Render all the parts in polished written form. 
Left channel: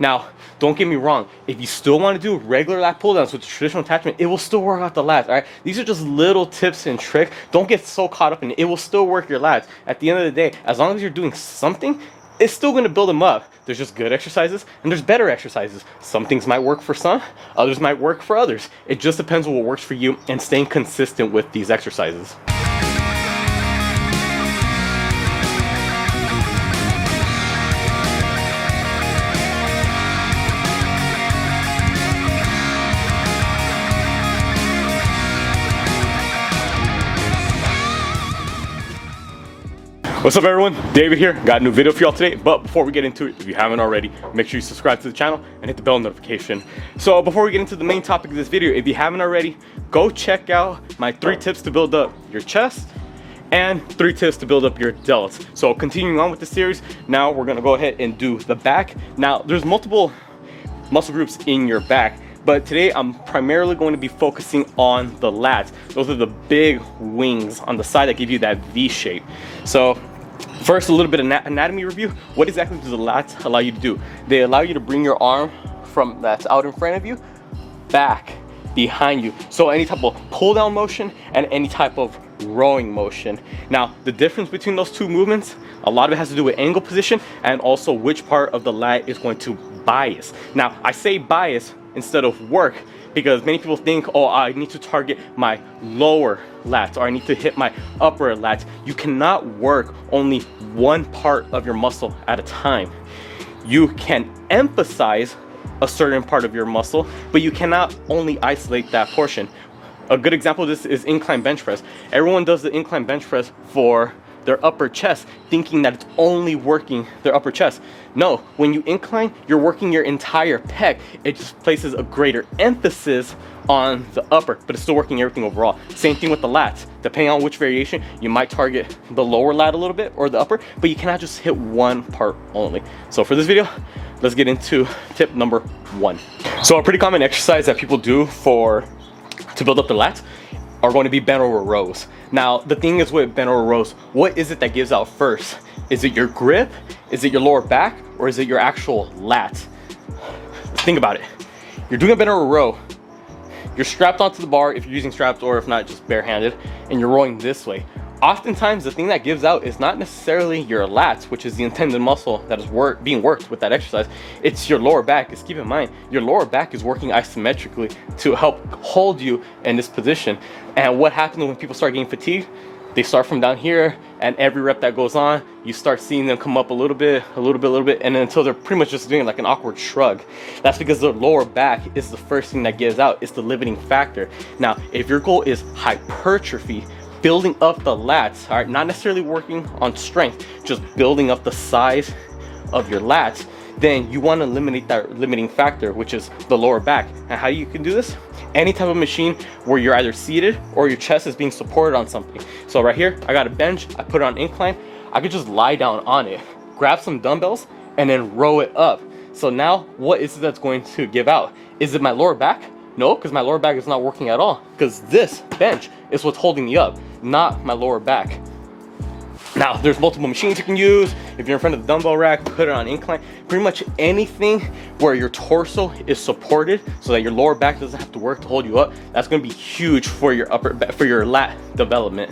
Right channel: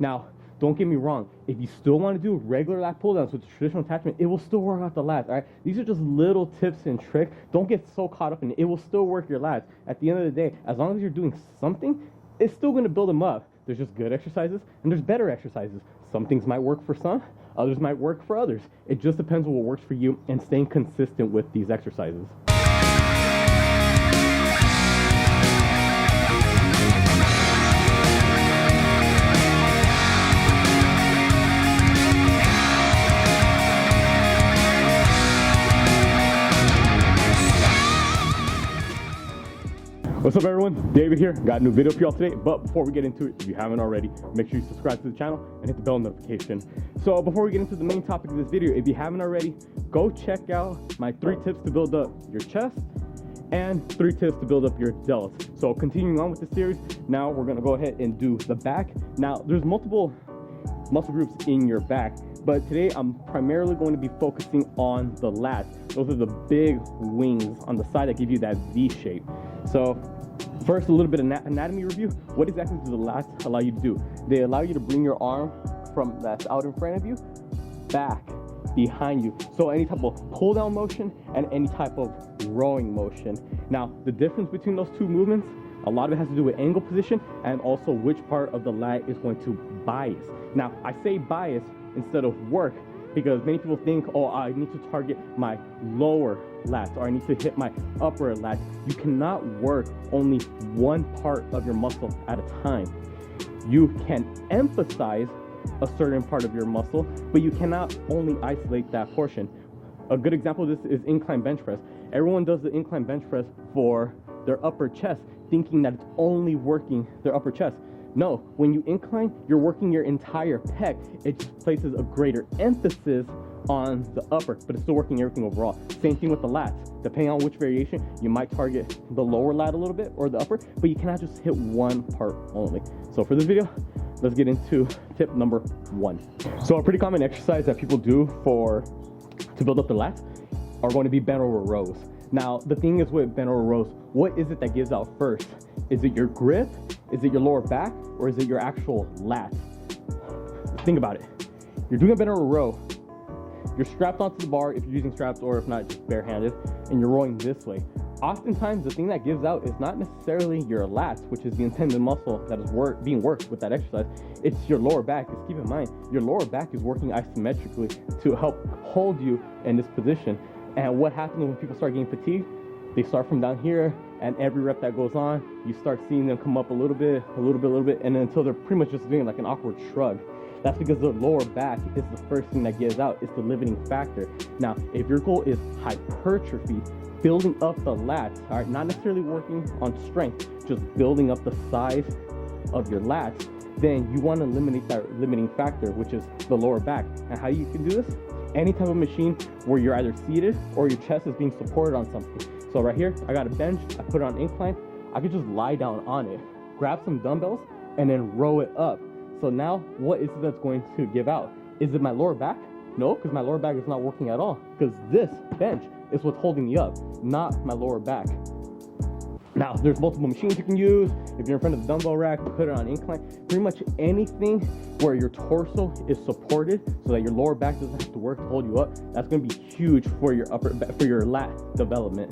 Now, don't get me wrong. If you still want to do regular lat pull downs with the traditional attachment, it will still work out the lats, all right? These are just little tips and tricks. Don't get so caught up in it. It will still work your lats. At the end of the day, as long as you're doing something, it's still going to build them up. There's just good exercises and there's better exercises. Some things might work for some, others might work for others. It just depends on what works for you and staying consistent with these exercises. What's up everyone, David here. Got a new video for y'all today, but before we get into it, if you haven't already, make sure you subscribe to the channel and hit the bell notification. So before we get into the main topic of this video, if you haven't already, go check out my 3 tips to build up your chest and 3 tips to build up your delts. So continuing on with the series, now we're gonna go ahead and do the back. Now there's multiple muscle groups in your back, but today I'm primarily going to be focusing on the lats. Those are the big wings on the side that give you that V shape. So first, a little bit of anatomy review. What exactly do the lats allow you to do? They allow you to bring your arm from that's out in front of you back behind you. So any type of pull down motion and any type of rowing motion. Now the difference between those two movements, a lot of it has to do with angle position and also which part of the lat is going to bias. Now I say bias instead of work because many people think, oh, I need to target my lower lats or I need to hit my upper lats. You cannot work only one part of your muscle at a time. You can emphasize a certain part of your muscle, but you cannot only isolate that portion. A good example of this is incline bench press. Everyone does the incline bench press for their upper chest, thinking that it's only working their upper chest. No, when you incline, you're working your entire pec. It just places a greater emphasis on the upper, but it's still working everything overall. Same thing with the lats. Depending on which variation, you might target the lower lat a little bit or the upper, but you cannot just hit one part only. So for this video, let's get into tip number 1. So a pretty common exercise that people do to build up the lats are going to be bent over rows. Now, the thing is with bent over rows, what is it that gives out first? Is it your grip? Is it your lower back? Or is it your actual lats? Think about it. You're doing a bent over row. You're strapped onto the bar if you're using straps, or if not, just barehanded, and you're rowing this way. Oftentimes, the thing that gives out is not necessarily your lats, which is the intended muscle that is being worked with that exercise. It's your lower back. Just keep in mind, your lower back is working isometrically to help hold you in this position. And what happens when people start getting fatigued? They start from down here, and every rep that goes on, you start seeing them come up a little bit, and then until they're pretty much just doing like an awkward shrug. That's because their lower back is the first thing that gives out. It's the limiting factor. Now, if your goal is hypertrophy, building up the lats, all right, not necessarily working on strength, just building up the size of your lats, then you want to eliminate that limiting factor, which is the lower back. And how you can do this? Any type of machine where you're either seated or your chest is being supported on something. So right here, I got a bench, I put it on incline, I could just lie down on it, grab some dumbbells, and then row it up. So now, what is it that's going to give out? Is it my lower back? No, because my lower back is not working at all, because this bench is what's holding me up, not my lower back. Now, there's multiple machines you can use. If you're in front of the dumbbell rack, put it on incline. Pretty much anything where your torso is supported so that your lower back doesn't have to work to hold you up, that's gonna be huge for your lat development.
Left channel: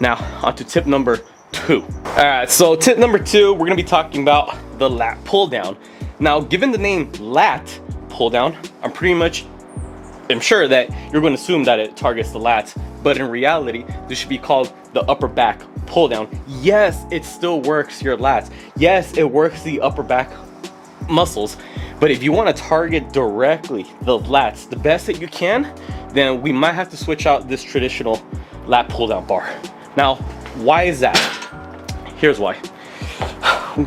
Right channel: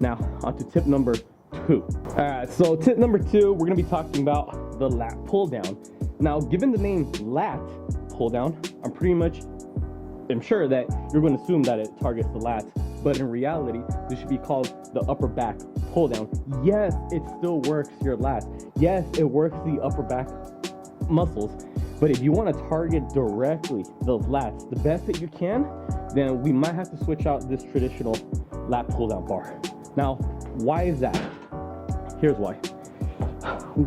Now, on to tip number 2. All right, so tip number 2, we're gonna be talking about the lat pull down. Now, given the name lat pull down, I'm sure that you're going to assume that it targets the lats, but in reality, this should be called the upper back pull down. Yes, it still works your lats. Yes, it works the upper back muscles, but if you want to target directly the lats the best that you can, then we might have to switch out this traditional lat pull down bar. Now, why is that? Here's why.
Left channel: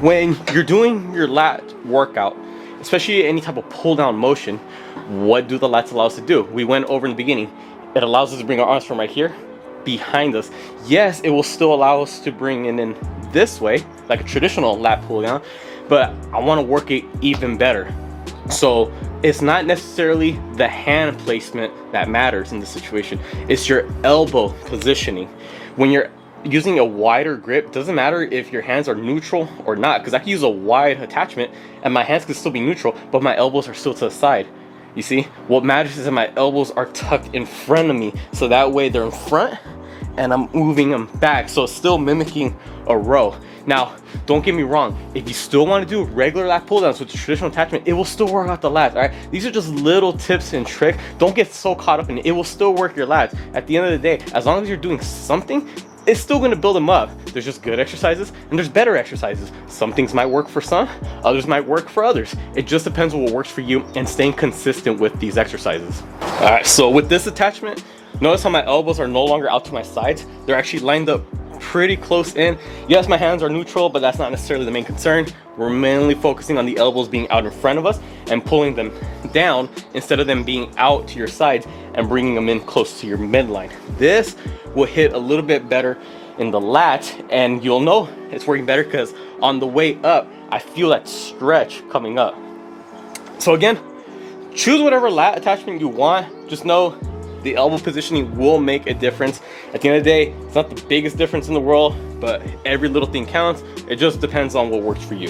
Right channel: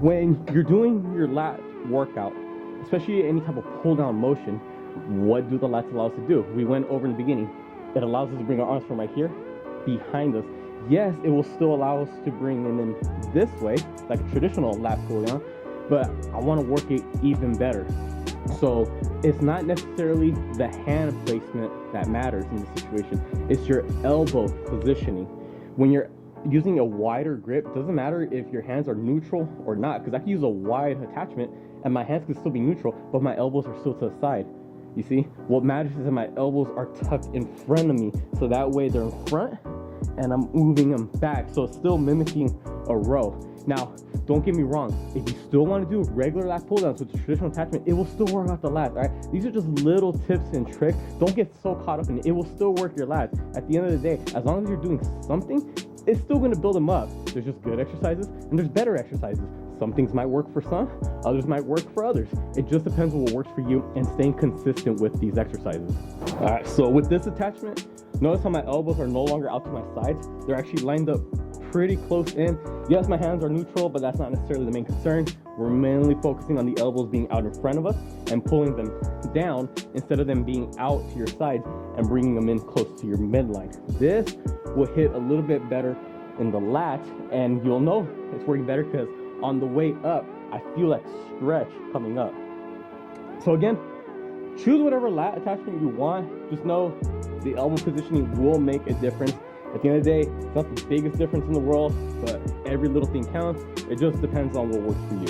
When you're doing your lat workout, especially any type of pull down motion, what do the lats allow us to do? We went over in the beginning. It allows us to bring our arms from right here behind us. Yes, it will still allow us to bring it in this way, like a traditional lat pull down, but I want to work it even better. So it's not necessarily the hand placement that matters in this situation. It's your elbow positioning. When you're using a wider grip, doesn't matter if your hands are neutral or not, because I can use a wide attachment and my hands can still be neutral, but my elbows are still to the side. You see, what matters is that my elbows are tucked in front of me, so that way they're in front and I'm moving them back, so it's still mimicking a row. Now, don't get me wrong, if you still want to do regular lat pull downs with the traditional attachment, it will still work out the lats, all right? These are just little tips and tricks. Don't get so caught up in it. It will still work your lats. At the end of the day, as long as you're doing something, it's still going to build them up. There's just good exercises and there's better exercises. Some things might work for some, others might work for others. It just depends on what works for you and staying consistent with these exercises. All right, so with this attachment, notice how my elbows are no longer out to my sides. They're actually lined up pretty close in. Yes, my hands are neutral, but that's not necessarily the main concern. We're mainly focusing on the elbows being out in front of us and pulling them down instead of them being out to your sides and bringing them in close to your midline. This will hit a little bit better in the lat, and you'll know it's working better because on the way up, I feel that stretch coming up. So again, choose whatever lat attachment you want. Just know the elbow positioning will make a difference. At the end of the day, it's not the biggest difference in the world, but every little thing counts. It just depends on what works for you.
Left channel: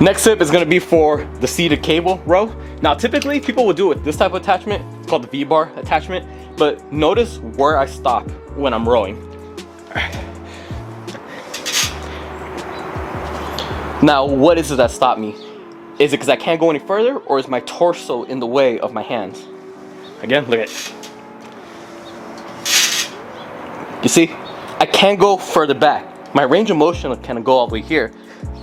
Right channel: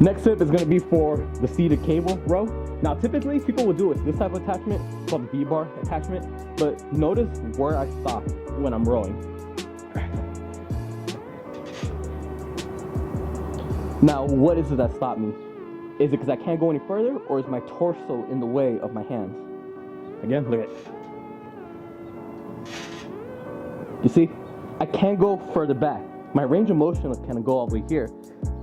Next tip is gonna be for the seated cable row. Now, typically people would do it with this type of attachment. It's called the V-bar attachment, but notice where I stop when I'm rowing. Now, what is it that stopped me? Is it because I can't go any further, or is my torso in the way of my hands? Again, look at it. You see, I can't go further back. My range of motion can go all the way here,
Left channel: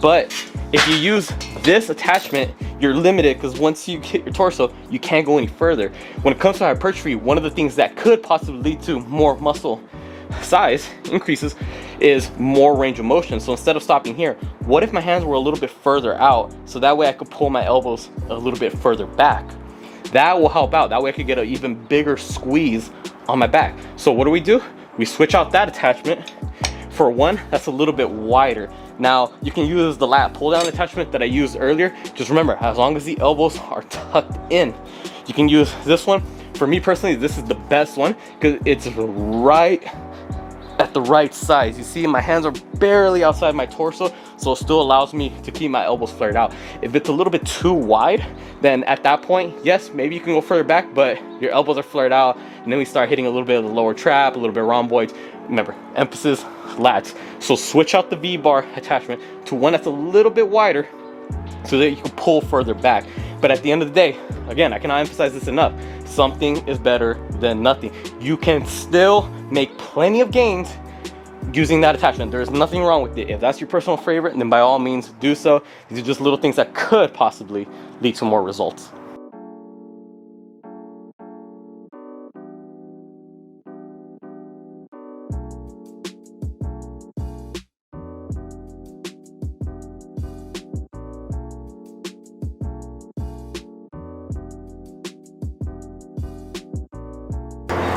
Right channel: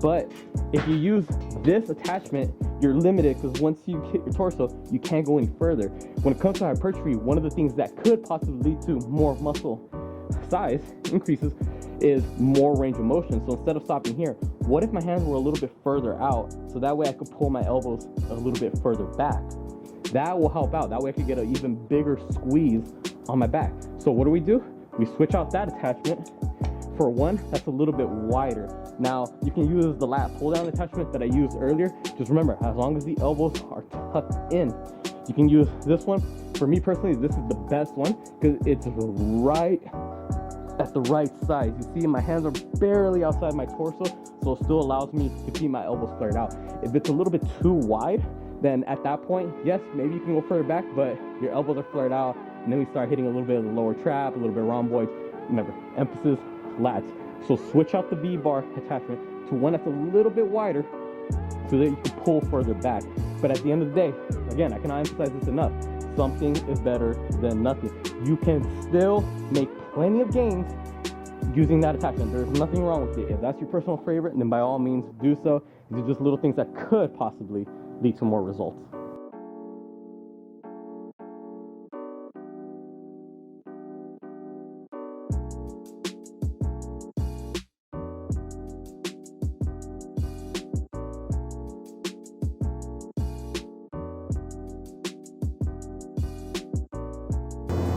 but if you use this attachment, you're limited because once you hit your torso, you can't go any further. When it comes to hypertrophy, one of the things that could possibly lead to more muscle size increases is more range of motion. So instead of stopping here, what if my hands were a little bit further out, so that way I could pull my elbows a little bit further back? That will help out. That way I could get an even bigger squeeze on my back. So what do? We switch out that attachment for one that's a little bit wider. Now, you can use the lat pull down attachment that I used earlier. Just remember, as long as the elbows are tucked in, you can use this one. For me personally, this is the best one because it's right at the right size. You see, my hands are barely outside my torso, so it still allows me to keep my elbows flared out. If it's a little bit too wide, then at that point, yes, maybe you can go further back, but your elbows are flared out, and then we start hitting a little bit of the lower trap, a little bit of rhomboids. Remember, emphasis, lats. So switch out the V-bar attachment to one that's a little bit wider so that you can pull further back. But at the end of the day, again, I cannot emphasize this enough, something is better than nothing. You can still make plenty of gains using that attachment. There's nothing wrong with it. If that's your personal favorite, then by all means do so. These are just little things that could possibly lead to more results.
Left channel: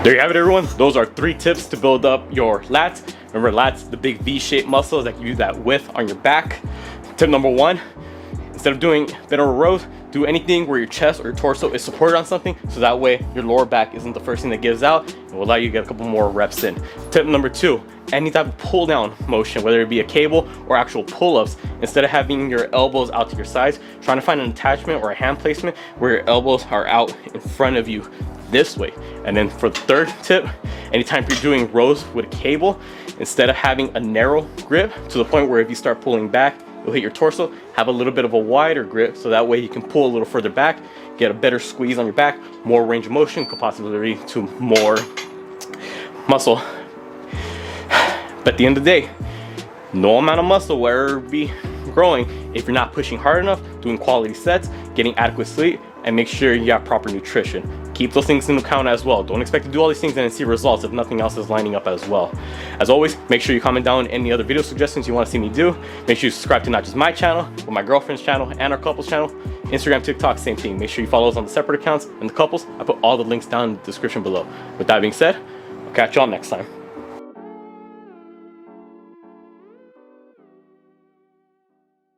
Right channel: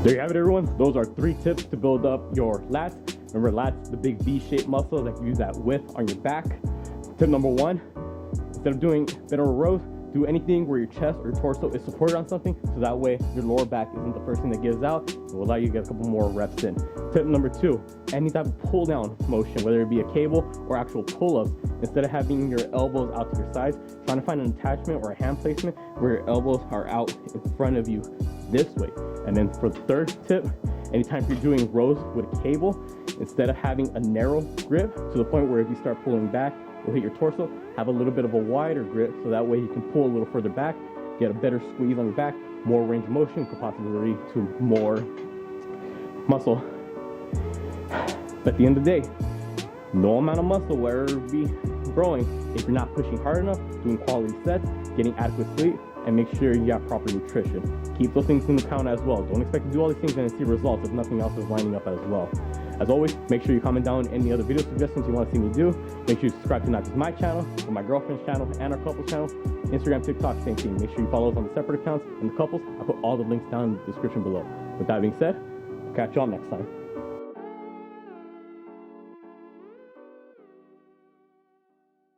There you have it, everyone. Those are 3 tips to build up your lats. Remember, lats, the big V-shaped muscles that give you that width on your back. Tip number 1, instead of doing bent over rows, do anything where your chest or your torso is supported on something, so that way your lower back isn't the first thing that gives out. It will allow you to get a couple more reps in. Tip number 2, any type of pull down motion, whether it be a cable or actual pull-ups, instead of having your elbows out to your sides, trying to find an attachment or a hand placement where your elbows are out in front of you this way. And then for the 3rd tip, anytime you're doing rows with a cable, instead of having a narrow grip to the point where if you start pulling back, you'll hit your torso, have a little bit of a wider grip so that way you can pull a little further back, get a better squeeze on your back, more range of motion, could possibly lead to more muscle. But at the end of the day, no amount of muscle will ever be growing if you're not pushing hard enough, doing quality sets, getting adequate sleep, and make sure you have proper nutrition. Keep those things into account as well. Don't expect to do all these things and then see results if nothing else is lining up as well. As always, make sure you comment down any other video suggestions you want to see me do. Make sure you subscribe to not just my channel, but my girlfriend's channel and our couple's channel. Instagram, TikTok, same thing. Make sure you follow us on the separate accounts, and the couples, I put all the links down in the description below. With that being said, I'll catch y'all next time.